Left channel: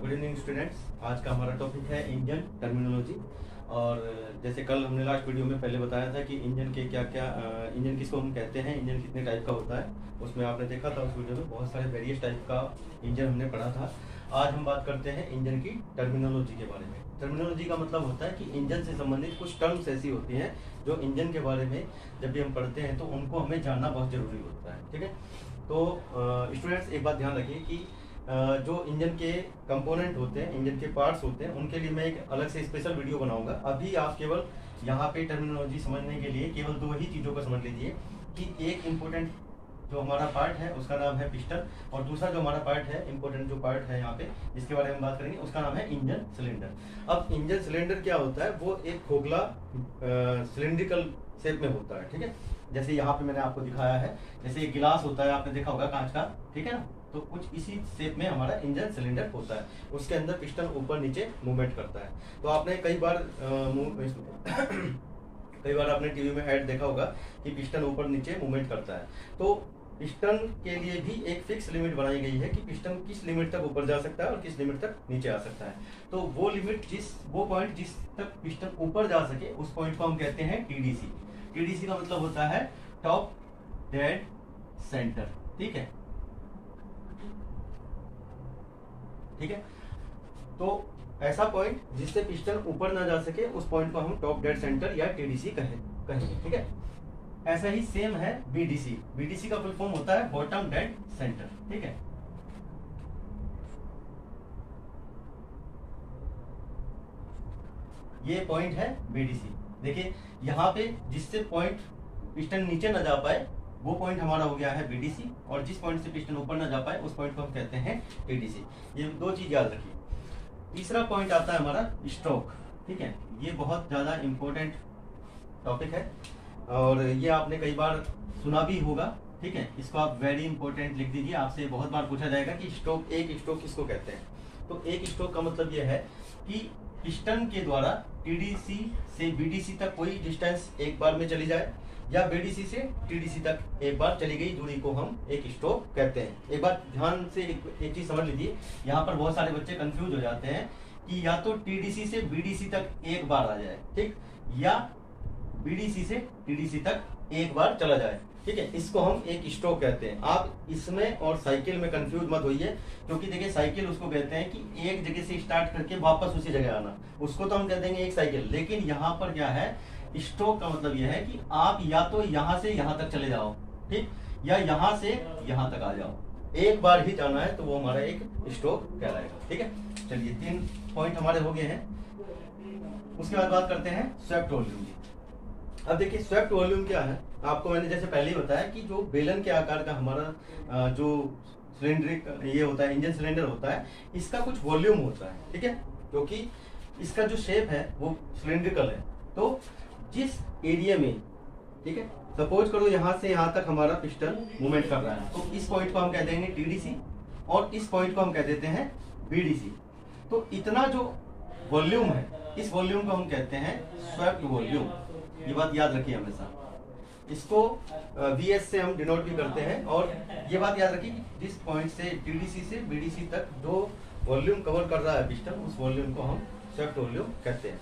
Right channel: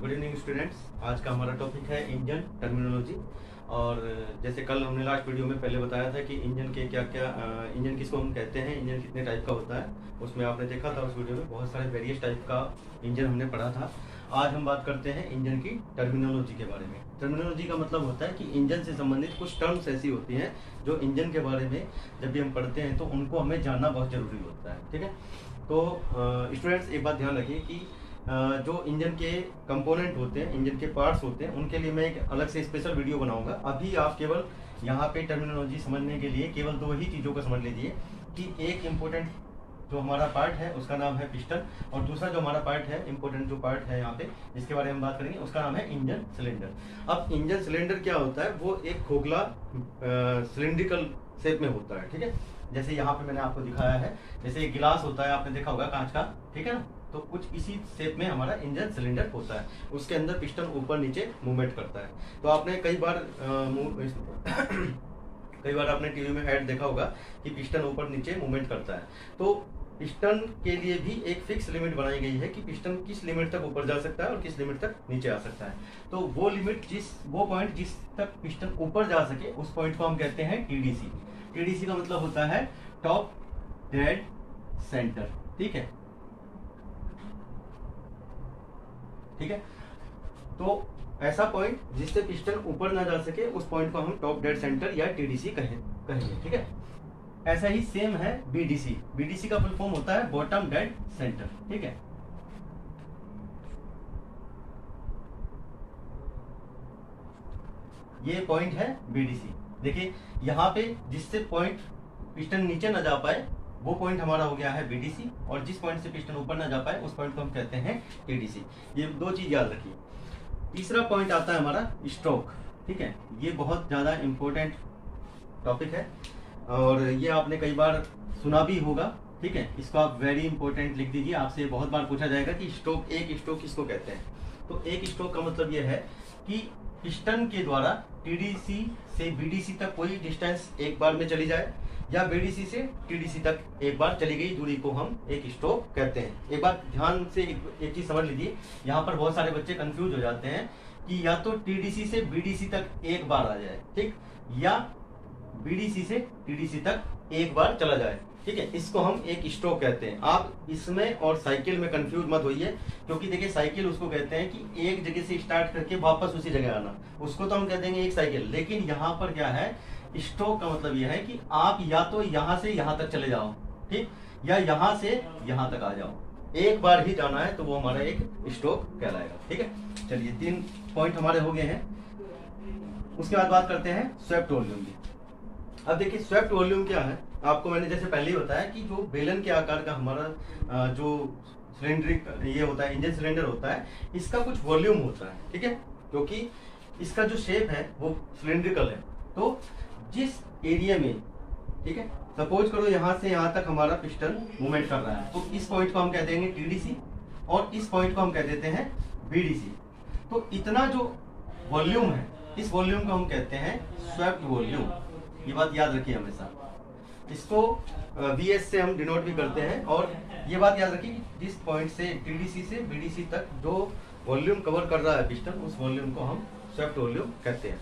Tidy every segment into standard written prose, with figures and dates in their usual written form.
Good evening students. आज का हमारा टॉपिक है इंजन टर्मिनोलॉजी। और जैसे कल हमने लास्ट वीडियो में पहले बताया था कि इंजन के क्या क्या इंजन किसको हम कहते हैं, इंजन कितने टाइप का होता है, उसमें आपने देखा था उस वीडियो में बहुत सारे वेरियस टाइप का इंजन हमने पढ़ा था। आज हम बात करते हैं इंजन की टर्मिनोलॉजी के बारे में। टर्मिनोलॉजी का मतलब होता है कि इंजन से संबंधित कुछ टर्म्स ऐसी होती हैं जो इंजन के बारे में जब भी हम पढ़ते हैं तो उनको हमें जानना बहुत जरूरी होता है। ठीक है, तो स्टूडेंट्स एक बात ध्यान रखिए कि जो इंजन के कंपोनेंट होते हैं, इंजन के पार्ट्स होते हैं, उनके लिए मैं एक अलग से स्पेशल वीडियो बनाऊंगा। अभी आप केवल यहाँ पे टर्मिनोलॉजी समझने के लिए केवल दो ही चीज़ों को समझ लीजिए कि एक इम्पोर्टेंट जो हमारा पार्ट है उसका नाम है पिस्टन, और दूसरा जो हमारा पार्ट है, इम्पोर्टेंट जो पार्ट है यहाँ पे जिसके बारे में हम बात करेंगे, उसका नाम है इंजन सिलेंडर। अब इंजन सिलेंडर क्या होता है, वो एक खोखला सिलेंड्रिकल शेप में होता है। ठीक है, जैसे यहाँ पे मैंने आपको दिखाया है, जैसे एक गिलास होता है, आपने देखा होगा कांच का, ठीक है ना, तो कुछ इसी शेप में हमारा इंजन सिलेंडर होता है। उसके अंदर पिस्टन ऊपर नीचे मूवमेंट करता है। तो आपने कई बार आपने टीवी में ऐड देखा होगा कि पिस्टन ऊपर नीचे मूवमेंट करता है। तो पिस्टन के लिए भी एक फिक्स लिमिट बनाई गई है कि पिस्टन किस लिमिट तक ऊपर जा सकता है और किस लिमिट तक नीचे आ सकता है। तो वो लिमिट वो पॉइंट जिस तक पिस्टन ऊपर जा सके उस पॉइंट को हम कहते हैं टीडीसी। टीडीसी का मतलब होता है टॉप डेड सेंटर। ठीक है, ठीक है, तो ऐसा पॉइंट जिससे पिस्टन ऊपर ना जा सके उस पॉइंट को हम टॉप डेड सेंटर या टीडीसी कहेंगे। ठीक है, ऐसा ही सेम है बीडीसी। बीडीसी का फुल फॉर्म होता है बॉटम डेड सेंटर। ठीक है, ये पॉइंट है बीडीसी। देखिए यहाँ पे जिससे पॉइंट पिस्टन नीचे ना जा पाए वो पॉइंट हमारा हो गया है बीडीसी, और जिस पॉइंट से पिस्टन ऊपर ना जा पाए उस पॉइंट को हम कहते हैं टीडीसी। ये दो चीज याद रखिए। तीसरा पॉइंट आता है हमारा स्ट्रोक। ठीक है, ये बहुत ज्यादा इंपॉर्टेंट टॉपिक है और ये आपने कई बार सुना भी होगा। ठीक है, इसको आप वेरी इंपॉर्टेंट लिख दीजिए। आपसे बहुत बार पूछा जाएगा कि स्ट्रोक, एक स्ट्रोक किसको कहते हैं। तो एक स्ट्रोक का मतलब ये है कि पिस्टन के द्वारा टीडीसी से बीडीसी तक कोई डिस्टेंस एक बार में चली जाए, या बीडीसी से टीडीसी तक एक बार चली गई दूरी को हम एक स्ट्रोक कहते हैं। एक बार ध्यान से एक चीज समझ लीजिए, यहाँ पर बहुत सारे बच्चे कंफ्यूज हो जाते हैं कि या तो टीडीसी से बीडीसी तक एक बार आ जाए, ठीक, या बीडीसी से टीडीसी तक एक बार चला जाए। ठीक है, इसको हम एक स्ट्रोक कहते हैं। आप इसमें और साइकिल में कंफ्यूज मत होइए, क्योंकि देखिए साइकिल उसको कहते हैं कि एक जगह से स्टार्ट करके वापस उसी जगह आना, उसको तो हम कह देंगे एक साइकिल। लेकिन यहाँ पर क्या है, स्ट्रोक का मतलब यह है कि आप या तो यहाँ से यहाँ तक चले जाओ, ठीक, या यहाँ से यहाँ तक आ जाओ, एक बार ही जाना है, तो वो हमारा एक स्ट्रोक कहलाएगा। ठीक है, चलिए 3 पॉइंट हमारे हो गए हैं। उसके बाद बात करते हैं स्वेप्ट वॉल्यूम की। अब देखिए स्वेप्ट वॉल्यूम क्या है, आपको मैंने जैसे पहले ही बताया कि जो बेलन के आकार का हमारा जो सिलेंड्रिक ये होता है, इंजन सिलेंडर होता है, इसका कुछ वॉल्यूम होता है। ठीक है, क्योंकि इसका जो शेप है वो सिलेंड्रिकल है। तो जिस एरिया में, ठीक है, सपोज करो यहाँ से यहाँ तक हमारा पिस्टन मूवमेंट कर रहा है, तो इस पॉइंट को हम कह देंगे टीडीसी और इस पॉइंट को हम कह देते हैं बीडीसी। तो इतना जो वॉल्यूम है, इस वॉल्यूम को हम कहते हैं स्वेप्ट वॉल्यूम। ये बात याद रखिए हमेशा, इसको वीएस से हम डिनोट भी करते हैं। और ये बात याद रखिए कि जिस पॉइंट से टीडीसी से बीडीसी तक जो वॉल्यूम कवर कर रहा है पिस्टन, उस वॉल्यूम को हम स्वेप्ट वॉल्यूम कहते हैं।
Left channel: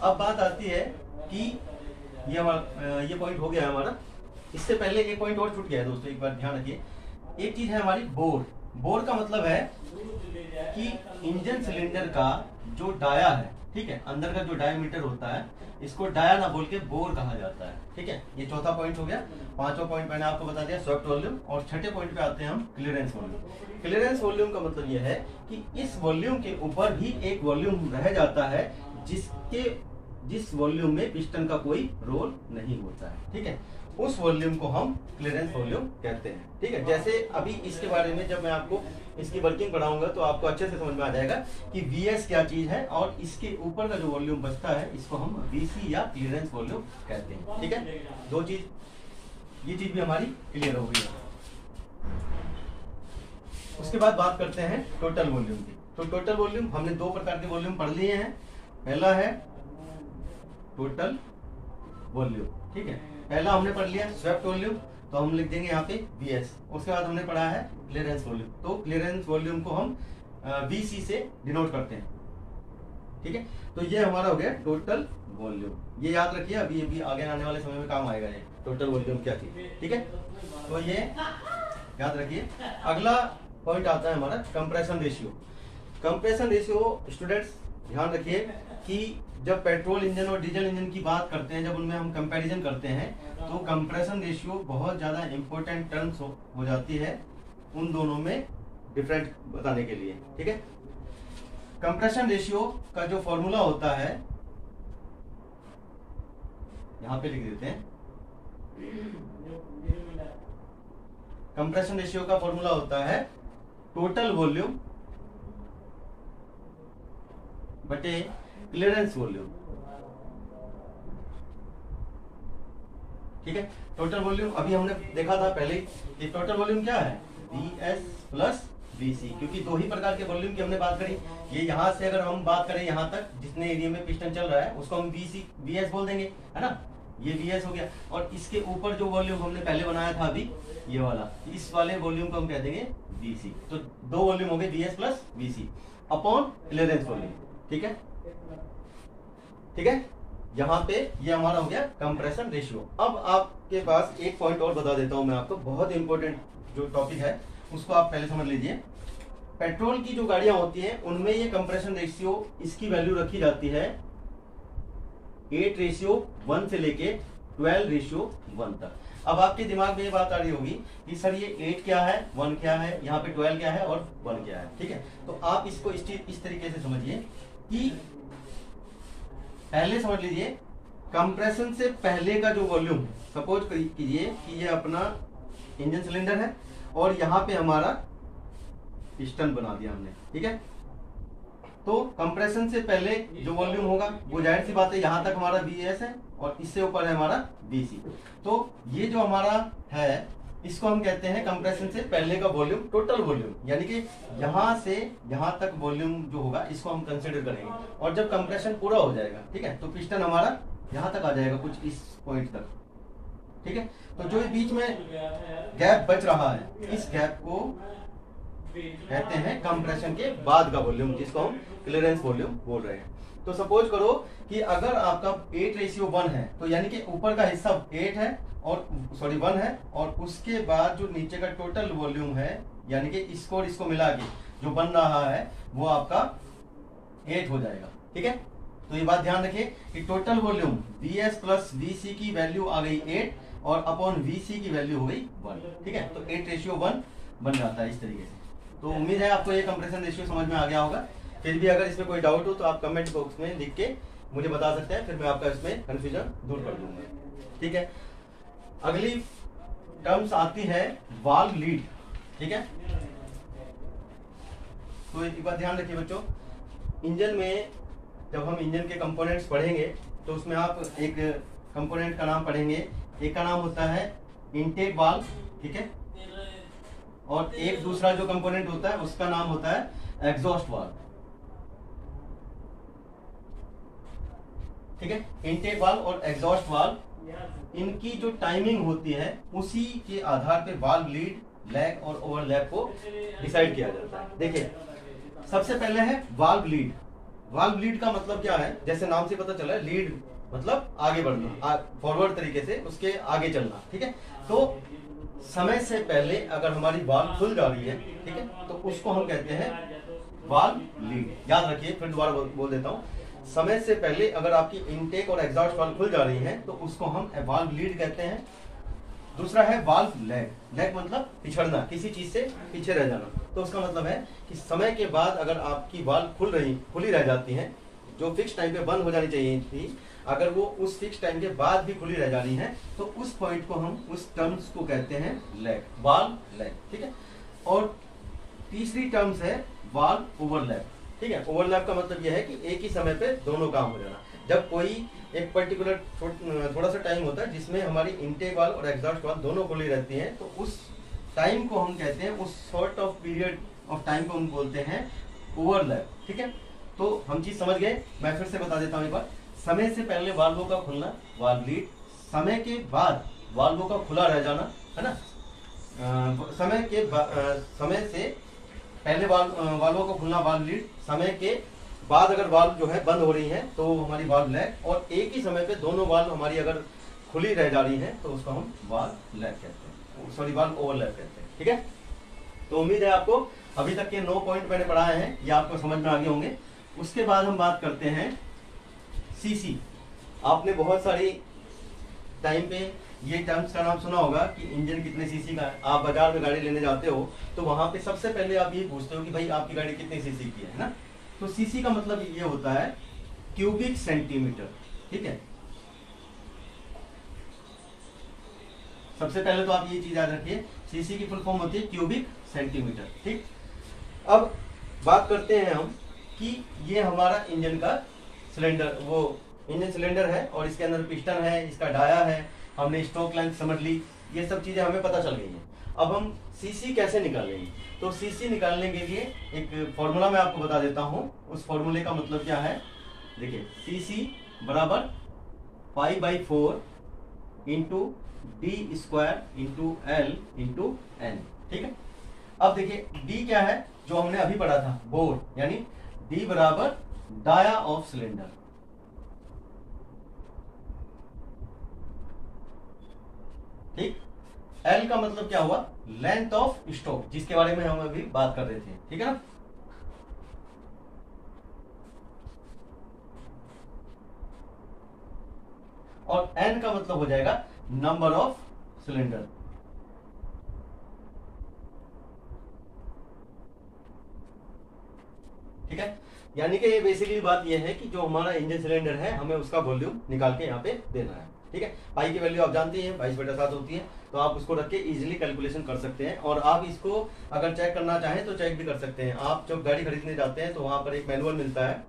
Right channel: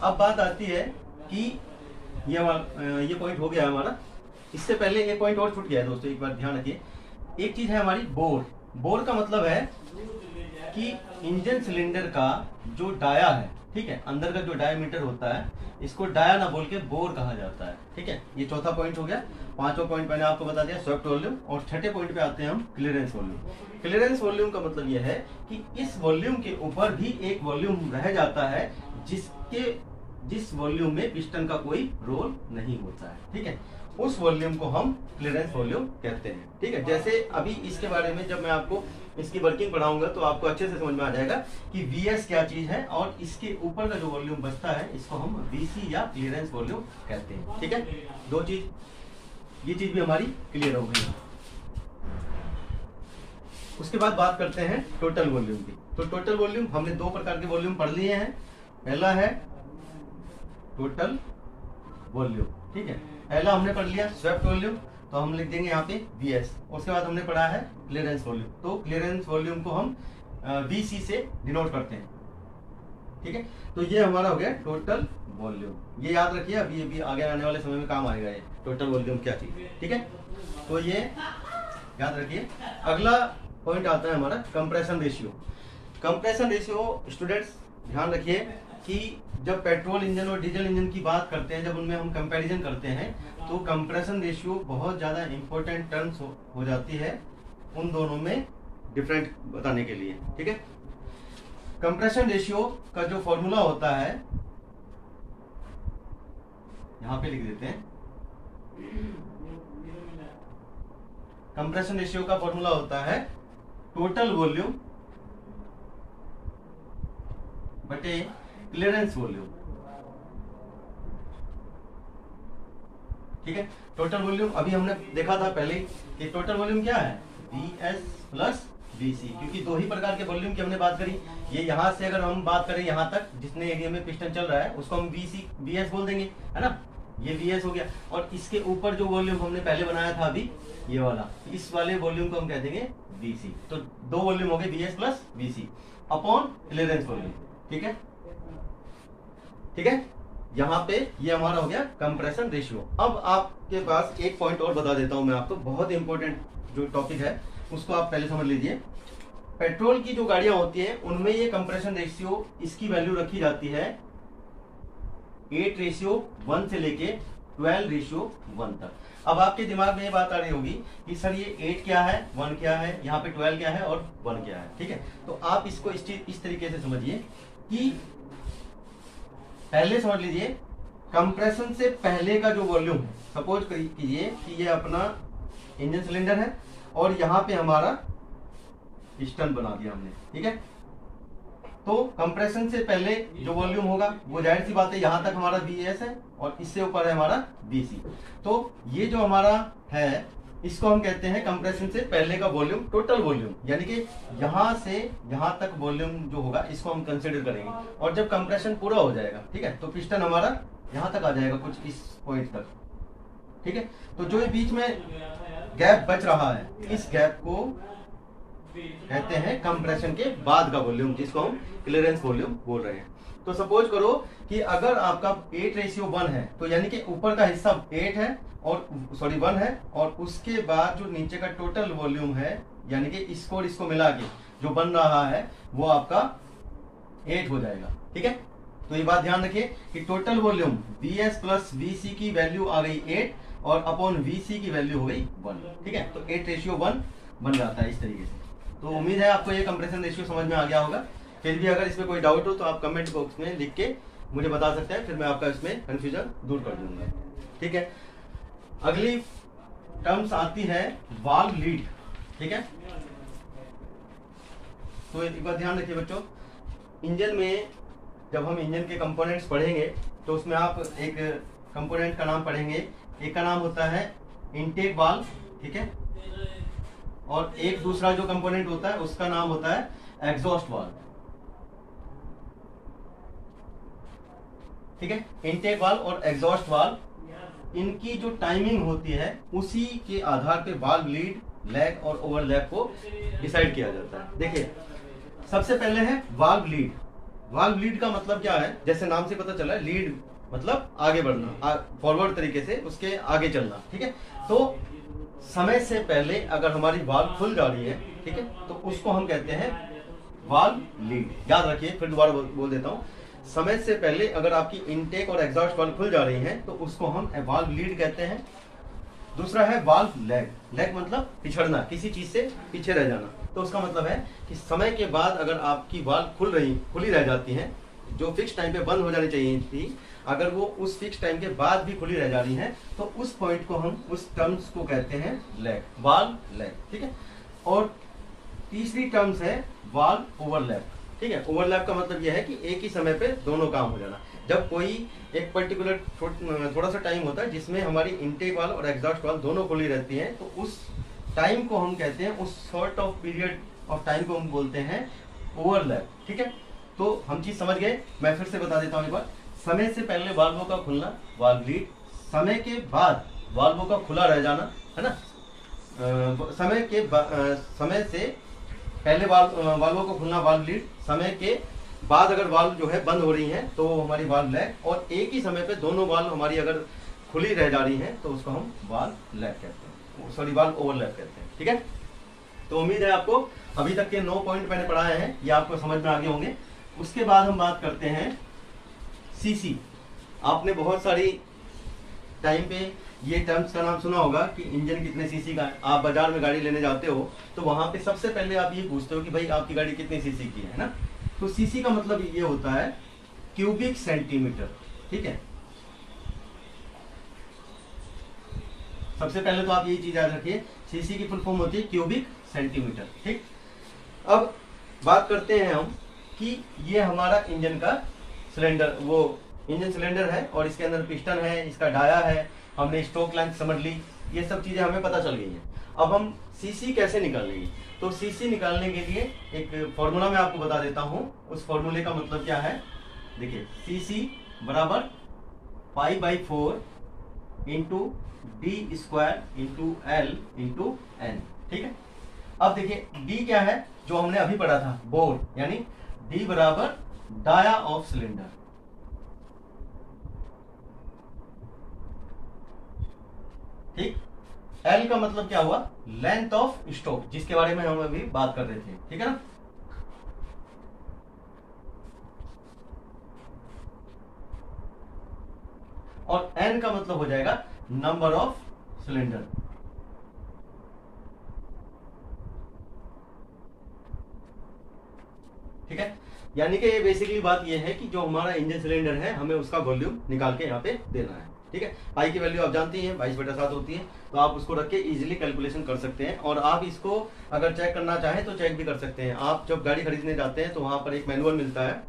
अब बात आती है कि ये पॉइंट हो गया है हमारा। इससे पहले एक पॉइंट और छूट गया है दोस्तों, एक बार ध्यान रखिए। एक चीज है हमारी बोर। बोर का मतलब है कि इंजन सिलेंडर का जो डाया है, ठीक है, अंदर का जो डायमीटर होता है, इसको डाया ना बोल के बोर कहा जाता है। ठीक है, ये चौथा पॉइंट हो गया। पांचवा पॉइंट मैंने आपको बता दिया स्वेप्ट वॉल्यूम, और छठे पॉइंट पे आते हैं हम क्लियरेंस वॉल्यूम। क्लियरेंस वॉल्यूम का मतलब यह है कि इस वॉल्यूम के ऊपर भी एक वॉल्यूम रह जाता है जिस वॉल्यूम में पिस्टन का कोई रोल नहीं होता है। ठीक है, उस वॉल्यूम को हम क्लियरेंस वॉल्यूम कहते हैं। ठीक है, जैसे अभी इसके बारे में जब मैं आपको इसकी वर्किंग पढ़ाऊंगा तो आपको अच्छे से समझ में आ जाएगा कि वीएस क्या चीज है, और इसके ऊपर का जो वॉल्यूम बचता है इसको हम वीसी या क्लियरेंस वॉल्यूम कहते हैं। ठीक है, दो चीज, ये चीज भी हमारी क्लियर हो गई है। उसके बाद बात करते हैं टोटल वॉल्यूम की। तो टोटल वॉल्यूम, हमने 2 प्रकार के वॉल्यूम पढ़ लिए हैं। पहला है टोटल वॉल्यूम। ठीक है, पहला हमने पढ़ लिया स्वेप्ट वॉल्यूम, तो हम लिख देंगे यहाँ पे वीएस। उसके बाद हमने पढ़ा है क्लियरेंस वॉल्यूम। तो क्लियरेंस वॉल्यूम को हम VC से डिनोट करते हैं। ठीक है, तो ये हमारा हो गया टोटल वॉल्यूम। ये याद रखिए, अभी आगे आने वाले समय में काम आएगा ये टोटल वॉल्यूम क्या चीज। ठीक है, तो ये याद रखिए। अगला पॉइंट आता है हमारा compression ratio. Compression ratio students ध्यान रखिए कि जब पेट्रोल इंजन और डीजल इंजन की बात करते हैं, जब उनमें हम कंपैरिजन करते हैं, तो कंप्रेशन रेशियो बहुत ज्यादा इंपॉर्टेंट टर्म्स हो जाती है उन दोनों में डिफरेंट बताने के लिए। ठीक है, कंप्रेशन रेशियो का जो फॉर्मूला होता है यहां पे लिख देते हैं। कंप्रेशन रेशियो का फॉर्मूला होता है टोटल वॉल्यूम बटे क्लियरेंस वॉल्यूम। ठीक है, टोटल वॉल्यूम अभी हमने देखा था पहले कि टोटल वॉल्यूम क्या है, VS प्लस VC, क्योंकि दो ही प्रकार के वॉल्यूम की हमने बात करी। ये यहाँ से अगर हम बात करें यहाँ तक जितने एरिया में पिस्टन चल रहा है उसको हम VS बोल देंगे, है ना, ये VS हो गया। और इसके ऊपर जो वॉल्यूम हमने पहले बनाया था अभी ये वाला, इस वाले वॉल्यूम को हम कह देंगे VC। तो दो वॉल्यूम हो गए VS plus VC upon clearance volume. ठीक है, ठीक है, यहाँ पे ये हमारा हो गया कंप्रेशन रेशियो। अब आपके पास एक पॉइंट और बता देता हूं मैं आपको, बहुत इंपॉर्टेंट जो टॉपिक है उसको आप पहले समझ लीजिए। पेट्रोल की जो गाड़ियां होती हैं उनमें ये कंप्रेशन रेशियो इसकी वैल्यू रखी जाती है 8:1 से लेके 12:1 तक। अब आपके दिमाग में ये बात आ रही होगी कि सर ये 8 क्या है, 1 क्या है, यहाँ पे 12 क्या है और 1 क्या है। ठीक है, तो आप इसको इस तरीके से समझिए कि पहले समझ लीजिए कंप्रेशन से पहले का जो वॉल्यूम है, सपोज कीजिए कि ये अपना इंजन सिलेंडर है और यहाँ पे हमारा पिस्टन बना दिया हमने। ठीक है, तो कंप्रेशन से पहले जो वॉल्यूम होगा वो जाहिर सी बात है यहाँ तक हमारा VS है और इससे ऊपर है हमारा VC। तो ये जो हमारा है इसको हम कहते हैं कंप्रेशन से पहले का वॉल्यूम, टोटल वॉल्यूम, यानी कि यहाँ से यहाँ तक वॉल्यूम जो होगा इसको हम कंसिडर करेंगे। और जब कंप्रेशन पूरा हो जाएगा, ठीक है, तो पिस्टन हमारा यहाँ तक आ जाएगा कुछ इस पॉइंट तक। ठीक है, तो जो बीच में गैप बच रहा है इस गैप को कहते हैं कंप्रेशन के बाद का वॉल्यूम, जिसको हम क्लियरेंस वॉल्यूम बोल रहे हैं। तो सपोज करो कि अगर आपका 8:1 है, तो यानी कि ऊपर का हिस्सा 8 है और 1 है, और उसके बाद जो नीचे का टोटल वॉल्यूम है यानी कि इसको और इसको मिला के जो बन रहा है वो आपका 8 हो जाएगा। ठीक है, तो ये बात ध्यान रखिए कि total volume VS plus VC की वैल्यू आ गई 8 और अपॉन VC की वैल्यू हो गई 1। ठीक है, तो 8:1 बन जाता है इस तरीके से। तो उम्मीद है आपको ये कंप्रेशन रेशियो समझ में आ गया होगा। फिर भी अगर इसमें कोई डाउट हो तो आप कमेंट बॉक्स में लिख के मुझे बता सकते हैं, फिर मैं आपका इसमें कंफ्यूजन दूर कर दूंगा। ठीक है, अगली टर्म्स आती है वाल्व लीड। ठीक है, तो एक बात ध्यान रखिए बच्चों, इंजन में जब हम इंजन के कंपोनेंट्स पढ़ेंगे तो उसमें आप एक कंपोनेंट का नाम पढ़ेंगे। एक का नाम होता है इनटेक वाल्व, ठीक है, और एक दूसरा जो कंपोनेंट होता है उसका नाम होता है एग्जॉस्ट वाल्व। ठीक है, इनटेक वाल्व और एग्जॉस्ट वाल्व, इनकी जो टाइमिंग होती है उसी के आधार पे वाल्व लीड, लैग और ओवरलैप को डिसाइड किया जाता है। देखिए, सबसे पहले है वाल्व लीड। वाल्व लीड का मतलब क्या है, जैसे नाम से पता चला है, लीड मतलब आगे बढ़ना, फॉरवर्ड तरीके से उसके आगे चलना। ठीक है, तो समय से पहले अगर हमारी वाल्व खुल जा रही है, ठीक है, तो उसको हम कहते हैं वाल्व लीड। याद रखिए, फिर दोबारा बोल देता हूं, समय से पहले अगर आपकी इनटेक और एग्जॉस्ट वाल्व खुल जा रही है तो उसको हम वाल्व लीड कहते हैं। दूसरा है वाल्व लैग। लैग मतलब पिछड़ना, किसी चीज से पीछे रह जाना। तो उसका मतलब है कि समय के बाद अगर आपकी वाल्व खुली रह जाती है, जो फिक्स टाइम पे बंद हो जानी चाहिए थी, अगर वो उस फिक्स टाइम के बाद भी खुली रह जा रही है तो उस पॉइंट को हम, उस टर्म्स को कहते हैं लैग, वाल्व लैग। ठीक है, और तीसरी टर्म्स है वाल्व ओवरलैप। ठीक है, ओवरलैप का मतलब यह है कि एक ही समय पे दोनों काम हो जाना। जब कोई एक पर्टिकुलर थोड़ा सा टाइम होता है जिसमें हमारी इनटेक वाल्व और एग्जॉस्ट वाल्व दोनों खुली रहती हैं, तो उस टाइम को हम कहते हैं, उस sort of period of time को हम बोलते हैं ओवरलैप। ठीक है, तो हम चीज समझ गए। मैं फिर से बता देता हूँ एक बार, समय से पहले वाल्वों का खुलना वाल्व लीड, समय के बाद वाल्वों का खुला रह जाना, है ना, समय से पहले वाल्वों को खुलना, वाल्व लीड, समय के बाद अगर वाल्व जो है बंद हो रही है तो हमारी वाल्व लैग, और एक ही समय पे दोनों वाल्व हमारी अगर खुली रह जा रही है तो उसको हम वाल्व लैग कहते हैं, सॉरी वाल्व ओवरलैप कहते हैं। ठीक है, तो उम्मीद है आपको अभी तक के 9 पॉइंट मैंने पढ़ाए हैं ये आपको समझ में आ गए होंगे। उसके बाद हम बात करते हैं सीसी। आपने बहुत सारी टाइम पे ये टर्म्स का नाम सुना होगा कि इंजन कितने सीसी का है। आप बाजार में गाड़ी लेने जाते हो तो वहां पे सबसे पहले आप ये पूछते हो कि भाई आपकी गाड़ी कितने सीसी की है ना। तो सीसी का मतलब ये होता है क्यूबिक सेंटीमीटर। ठीक है, सबसे पहले तो आप ये चीज याद रखिए, सीसी की फुल फॉर्म होती है क्यूबिक सेंटीमीटर। ठीक, अब बात करते हैं हम कि ये हमारा इंजन का सिलेंडर, वो इंजन सिलेंडर है और इसके अंदर पिस्टन है, इसका डाया है, हमने स्ट्रोक लेंथ समझ ली, ये सब चीजें हमें पता चल गई है। अब हम सीसी कैसे निकालेंगे, तो सीसी निकालने के लिए एक फॉर्मूला मैं आपको बता देता हूं। उस फॉर्मूले का मतलब क्या है, देखिए सीसी बराबर π/4 into D square into L into N. ठीक है, अब देखिए डी क्या है, जो हमने अभी पढ़ा था बोर, यानी डी बराबर डाया ऑफ सिलेंडर। ठीक, एल का मतलब क्या हुआ, लेंथ ऑफ स्ट्रोक, जिसके बारे में हम अभी बात कर रहे थे। ठीक है ना, और एन का मतलब हो जाएगा नंबर ऑफ सिलेंडर। ठीक है, यानी कि ये बेसिकली बात ये है कि जो हमारा इंजन सिलेंडर है हमें उसका वॉल्यूम निकाल के यहाँ पे देना है। ठीक है, पाई की वैल्यू आप जानती हैं 22/7 होती है, तो आप उसको रख के इजीली कैलकुलेशन कर सकते हैं। और आप इसको अगर चेक करना चाहें तो चेक भी कर सकते हैं। आप जब गाड़ी खरीदने जाते हैं तो वहां पर एक मैनुअल मिलता है,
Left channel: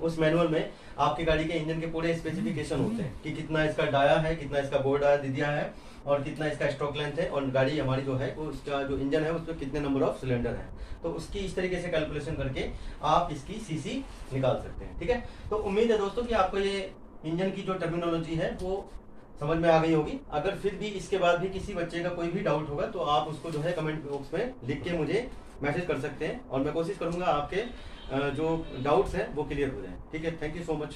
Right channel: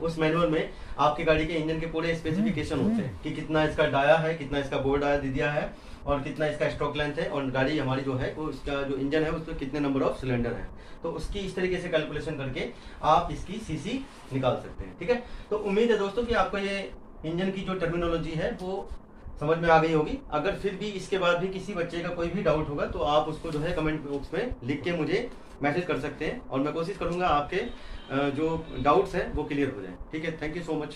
उस मैनुअल में आपकी गाड़ी के इंजन के पूरे स्पेसिफिकेशन होते हैं कि कितना इसका डाया है, कितना इसका बोर डाया दे दिया है, और कितना इसका स्ट्रोक लेंथ है, और गाड़ी हमारी जो है वो इसका जो इंजन है उसमें कितने नंबर ऑफ सिलेंडर है। तो उसकी इस तरीके से कैलकुलेशन करके आप इसकी सीसी निकाल सकते हैं। ठीक है, तो उम्मीद है दोस्तों कि आपको ये इंजन की जो टर्मिनोलॉजी है वो समझ में आ गई होगी। अगर फिर भी इसके बाद भी किसी बच्चे का कोई भी डाउट होगा तो आप उसको जो है कमेंट बॉक्स में लिख के मुझे मैसेज कर सकते हैं, और मैं कोशिश करूंगा आपके जो डाउट्स हैं वो क्लियर हो जाए। ठीक है, थैंक यू सो मच।